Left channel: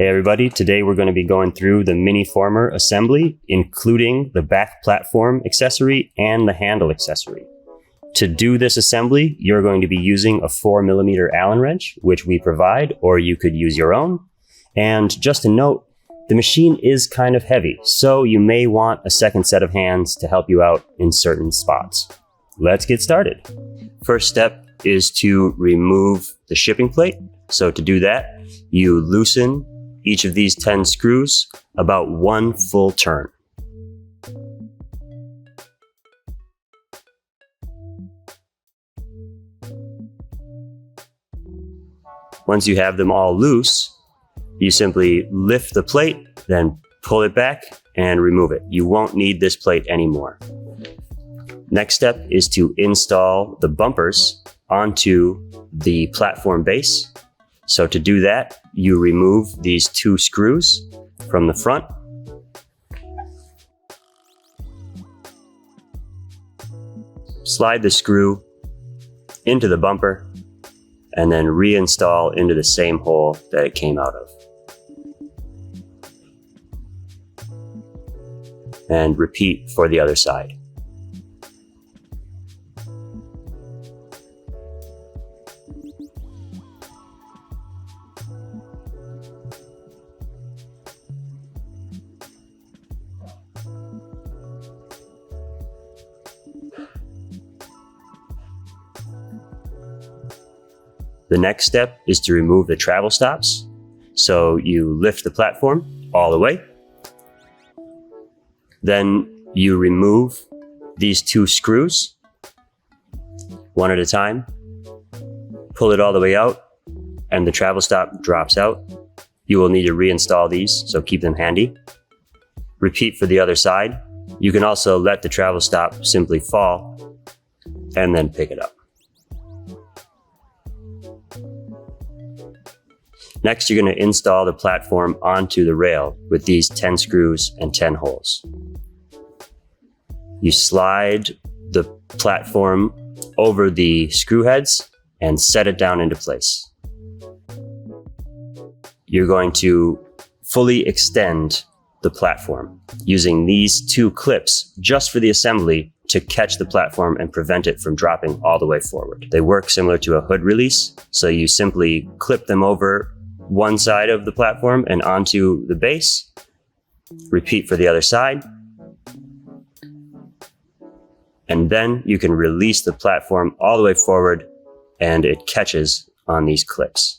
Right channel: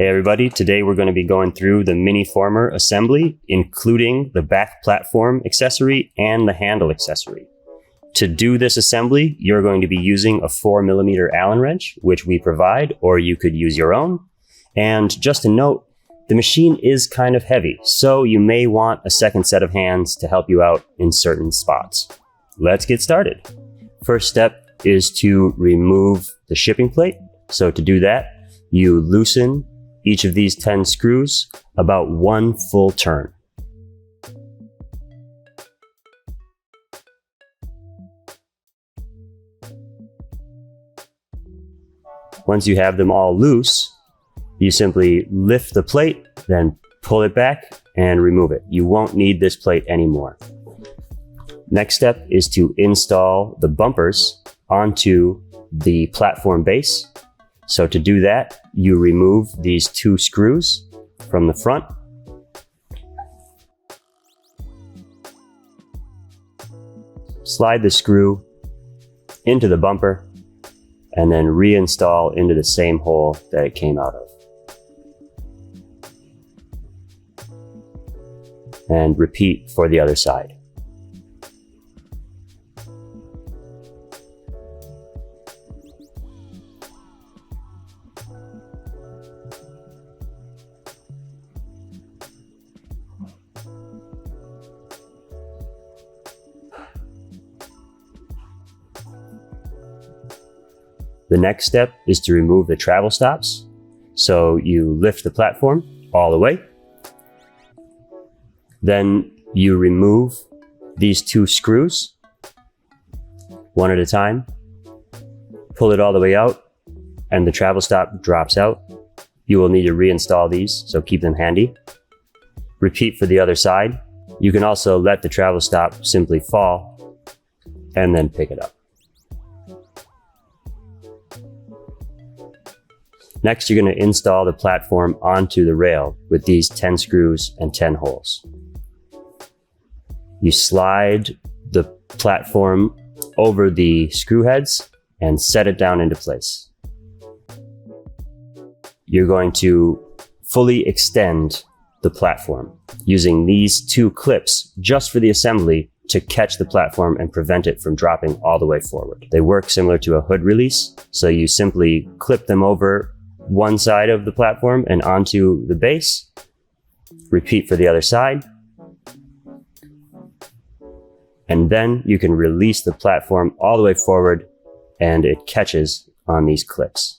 Hey everybody, today we're going to be going through the Mini-Former assembly, including the back platform accessory and the handle accessory. To do this assembly, you're going to be using a 4mm Allen wrench, which we provide, or you could use your own. And just a note, the machine is kind of heavy, so you may want a second set of hands to help you out in certain spots. Let's get started. First step is to remove the shipping plate. So to do that, you loosen each of these 10 screws about one full turn. Once you have them all loose, you simply lift the plate, then pull it back and remove it. You won't need this plate anymore. Next step is to install the bumpers onto the platform base. So to do that, you remove these 2 screws from the front. Slide the screw into the bumper and then reinstall into the same hole that it came out of. And repeat for the other side. The next step is to remove the travel stops. So you lift the platform all the way. Then you remove these 2 screws, one at a time. Pull it all the way out, and the travel stop drops out. You will need to reinstall these, so keep them handy. Repeat for the other side. You can also let the travel stop simply fall, and then pick it up. Next, you're going to install the platform onto the rail with these 10 screws and 10 holes. You slide the platform over the screw heads and set it down into place. You're going to fully extend the platform using these 2 clips just for the assembly to catch the platform and prevent it from dropping all the way forward. They work similar to a hood release, so you simply clip them over one side of the platform and onto the base. Repeat for the other side. And then you can release the platform all the way forward and it catches on these clips.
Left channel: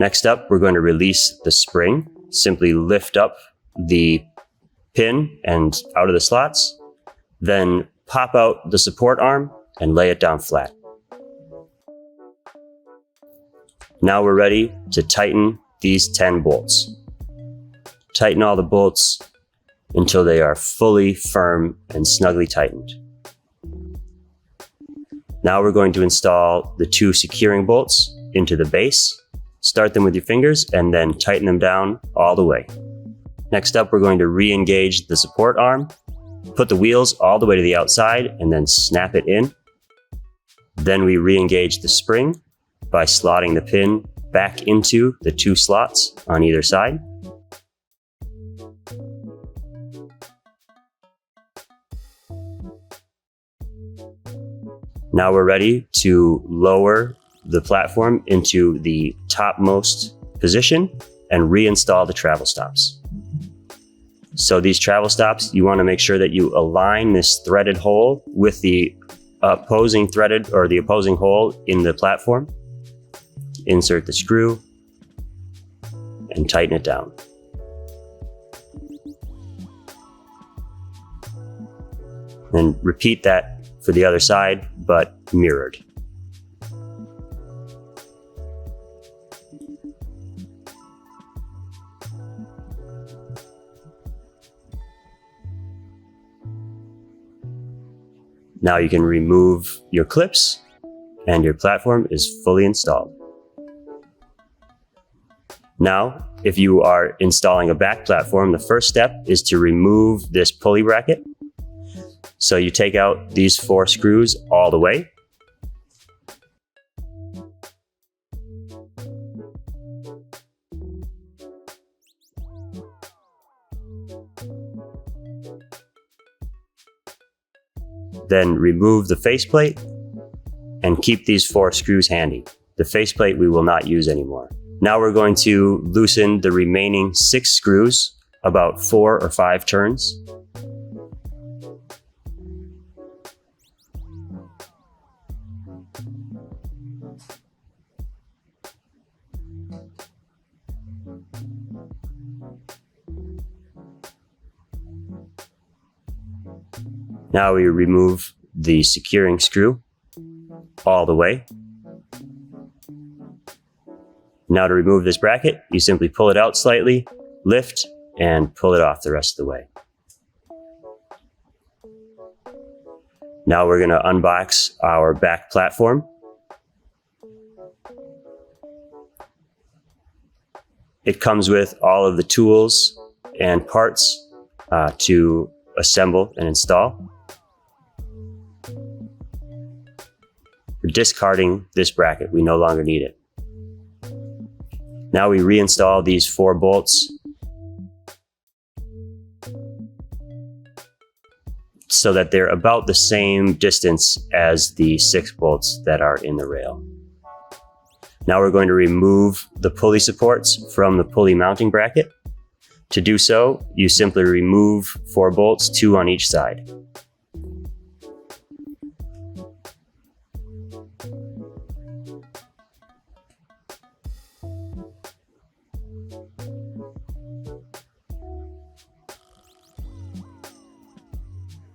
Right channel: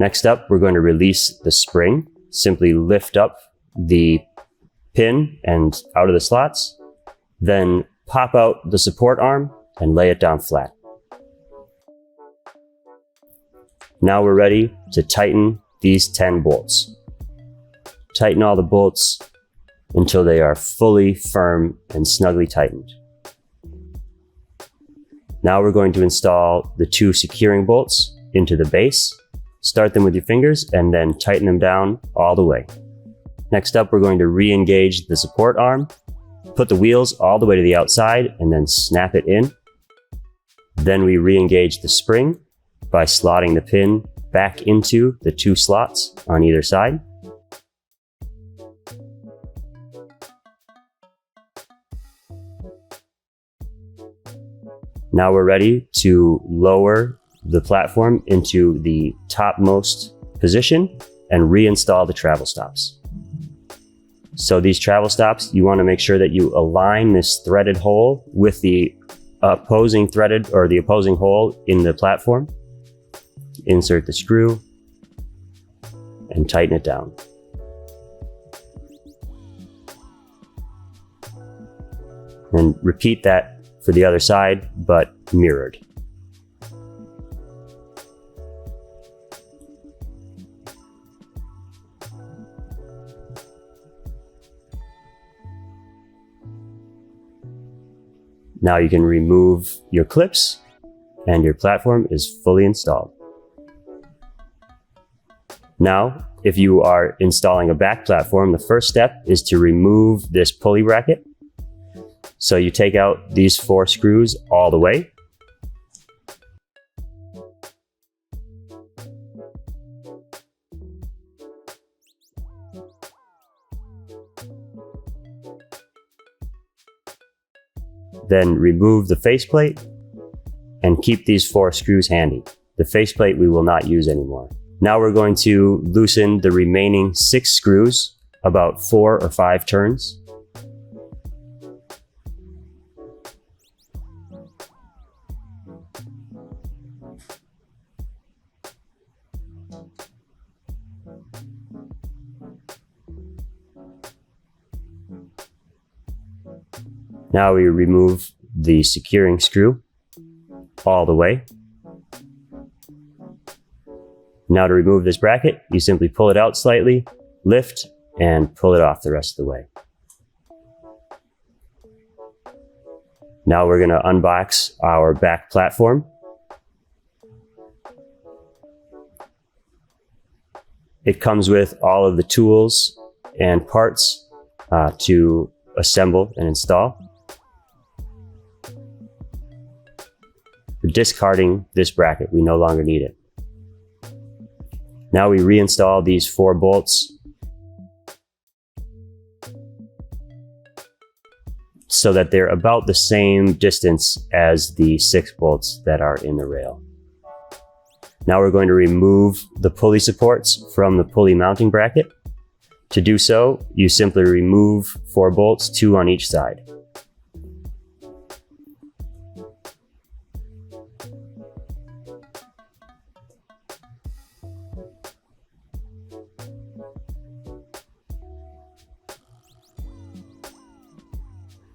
Next up, we're going to release the spring. Simply lift up the pin and out of the slots, then pop out the support arm and lay it down flat. Now we're ready to tighten these 10 bolts. Tighten all the bolts until they are fully firm and snugly tightened. Now we're going to install the 2 securing bolts into the base. Start them with your fingers and then tighten them down all the way. Next up, we're going to re-engage the support arm, put the wheels all the way to the outside and then snap it in. Then we re-engage the spring by slotting the pin back into the 2 slots on either side. Now we're ready to lower the platform into the topmost position and reinstall the travel stops. So these travel stops, you want to make sure that you align this threaded hole with the opposing threaded or the opposing hole in the platform. Insert the screw and tighten it down. And repeat that for the other side, but mirrored. Now you can remove your clips and your platform is fully installed. Now, if you are installing a back platform, the first step is to remove this pulley bracket. So you take out these 4 screws all the way. Then remove the faceplate and keep these 4 screws handy. The faceplate we will not use anymore. Now we're going to loosen the remaining 6 screws about 4 or 5 turns. Now we remove the securing screw all the way. Now to remove this bracket, you simply pull it out slightly, lift, and pull it off the rest of the way. Now we're going to unbox our back platform. It comes with all of the tools and parts to assemble and install. We're discarding this bracket. We no longer need it. Now we reinstall these 4 bolts so that they're about the same distance as the 6 bolts that are in the rail. Now we're going to remove the pulley supports from the pulley mounting bracket. To do so, you simply remove 4 bolts, 2 on each side.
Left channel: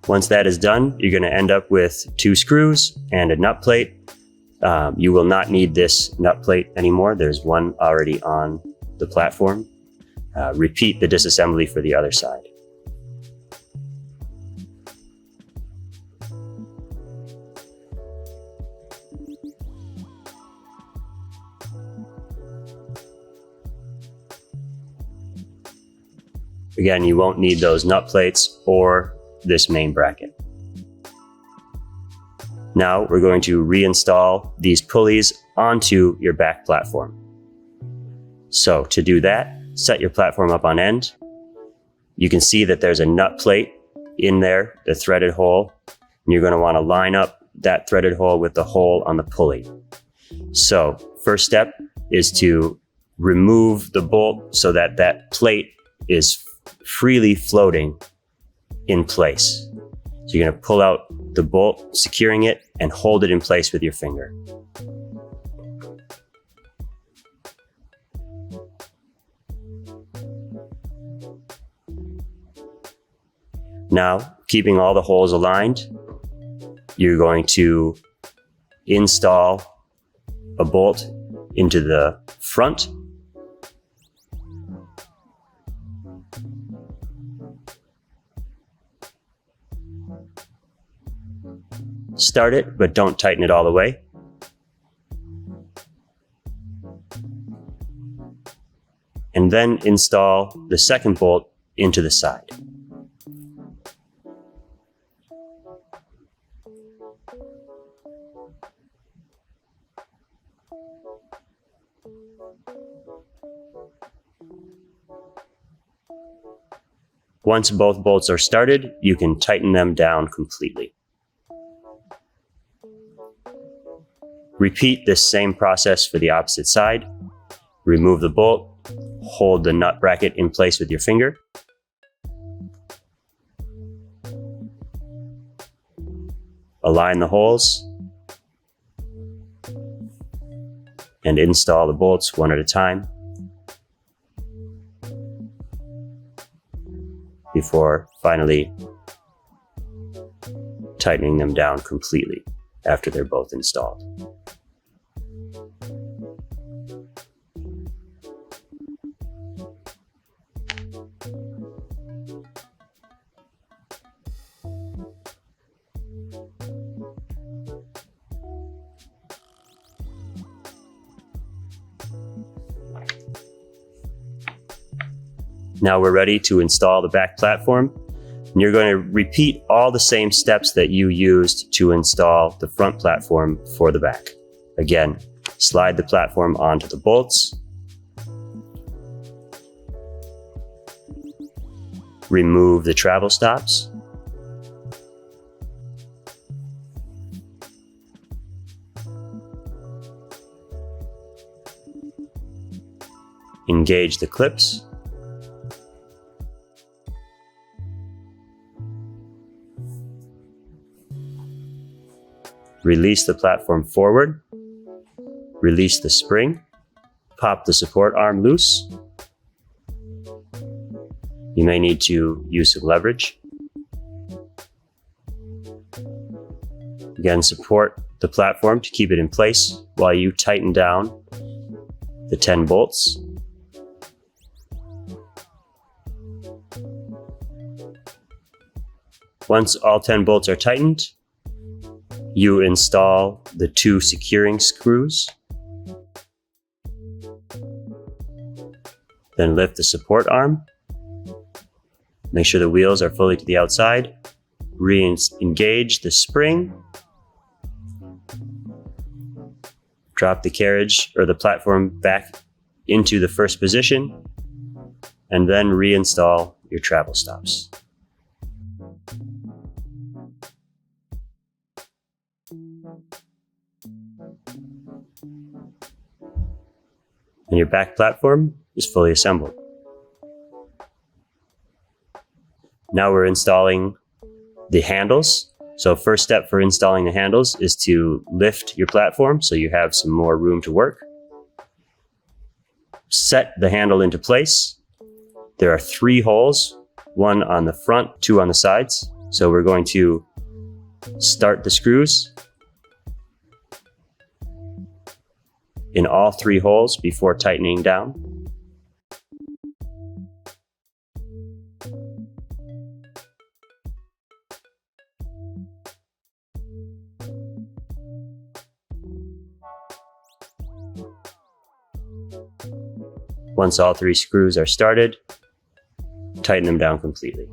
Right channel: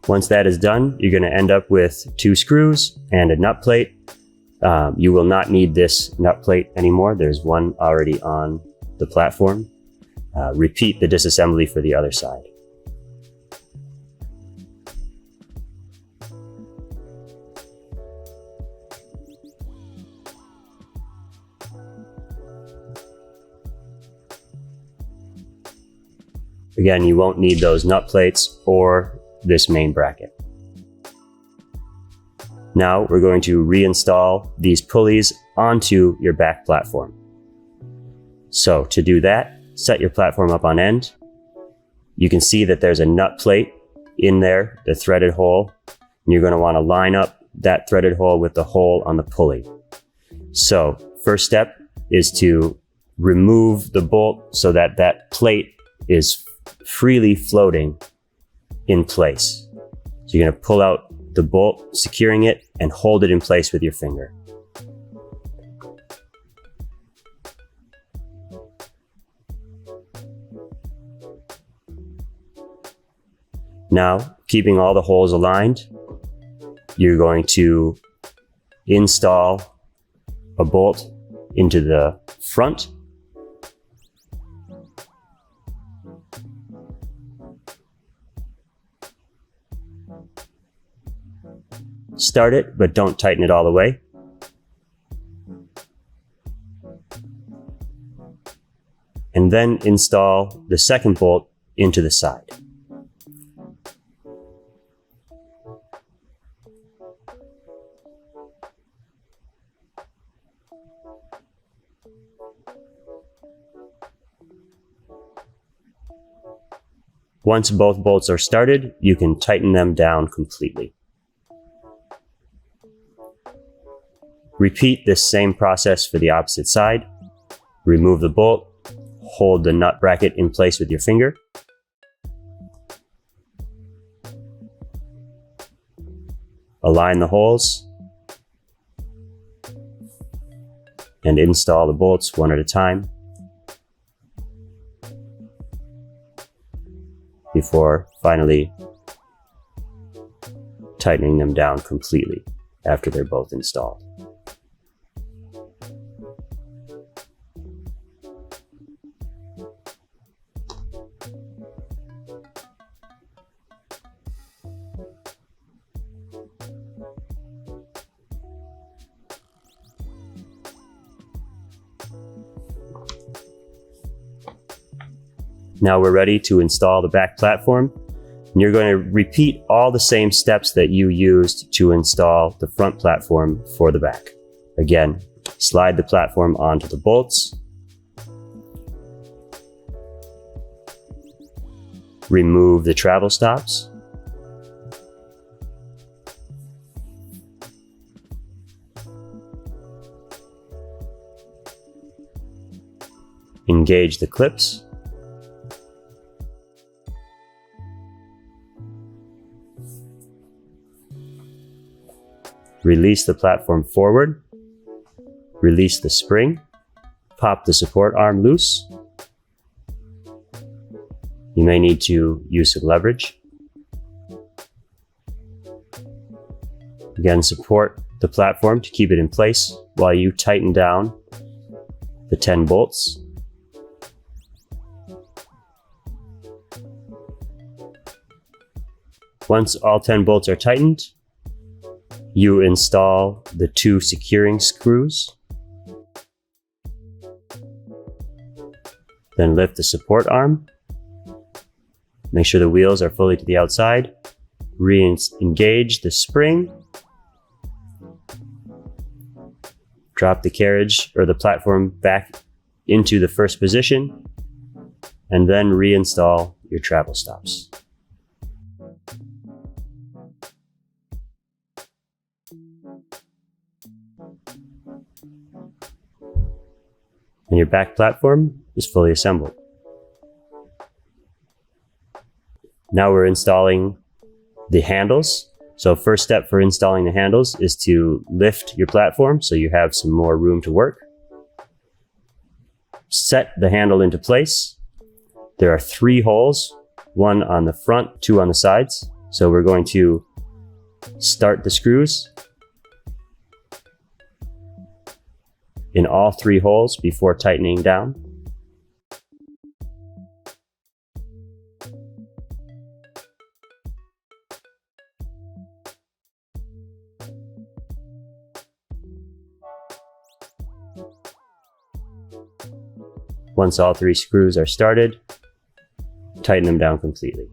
Once that is done, you're going to end up with 2 screws and a nut plate. You will not need this nut plate anymore. There's one already on the platform. Repeat the disassembly for the other side. Again, you won't need those nut plates or this main bracket. Now we're going to reinstall these pulleys onto your back platform. So to do that, set your platform up on end. You can see that there's a nut plate in there, the threaded hole, and you're going to want to line up that threaded hole with the hole on the pulley. So first step is to remove the bolt so that that plate is freely floating in place. So you're going to pull out the bolt, securing it, and hold it in place with your finger. Now, keeping all the holes aligned, you're going to install a bolt into the front. Start it, but don't tighten it all the way. And then install the second bolt into the side. Once both bolts are started, you can tighten them down completely. Repeat this same process for the opposite side. Remove the bolt, hold the nut bracket in place with your finger. Align the holes and install the bolts one at a time before finally tightening them down completely after they're both installed. Now we're ready to install the back platform. And you're going to repeat all the same steps that you used to install the front platform for the back. Again, slide the platform onto the bolts. Remove the travel stops. Engage the clips. Release the platform forward. Release the spring. Pop the support arm loose. You may need to use some leverage. Again, support the platform to keep it in place while you tighten down the 10 bolts. Once all 10 bolts are tightened, you install the 2 securing screws. Then lift the support arm. Make sure the wheels are fully to the outside. Re-engage the spring. Drop the carriage or the platform back into the first position, and then reinstall your travel stops. And your back platform is fully assembled. Now we're installing the handles. So first step for installing the handles is to lift your platform so you have some more room to work. Set the handle into place. There are 3 holes, 1 on the front, 2 on the sides. So we're going to start the screws in all 3 holes before tightening down. Once all 3 screws are started, tighten them down completely.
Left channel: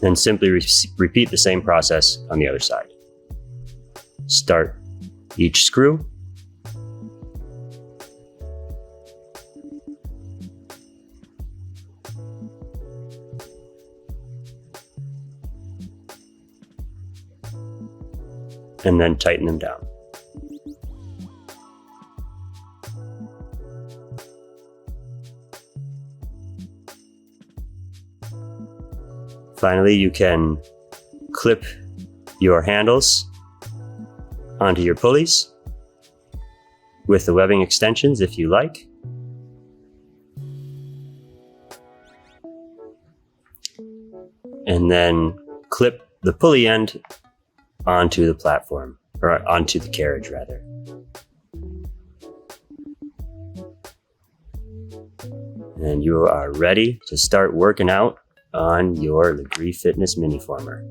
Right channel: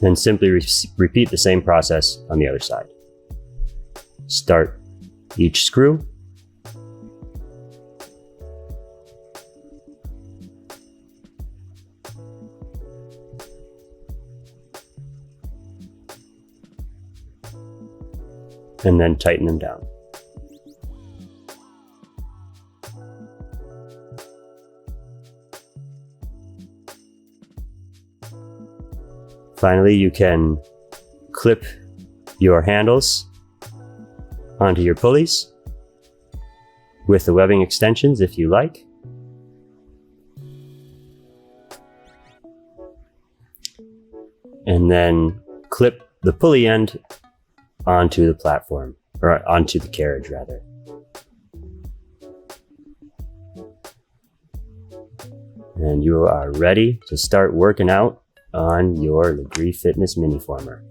Then simply repeat the same process on the other side. Start each screw. And then tighten them down. Finally, you can clip your handles onto your pulleys with the webbing extensions if you like. And then clip the pulley end onto the platform, or onto the carriage rather. And you are ready to start working out on your Lagree Fitness Mini Former.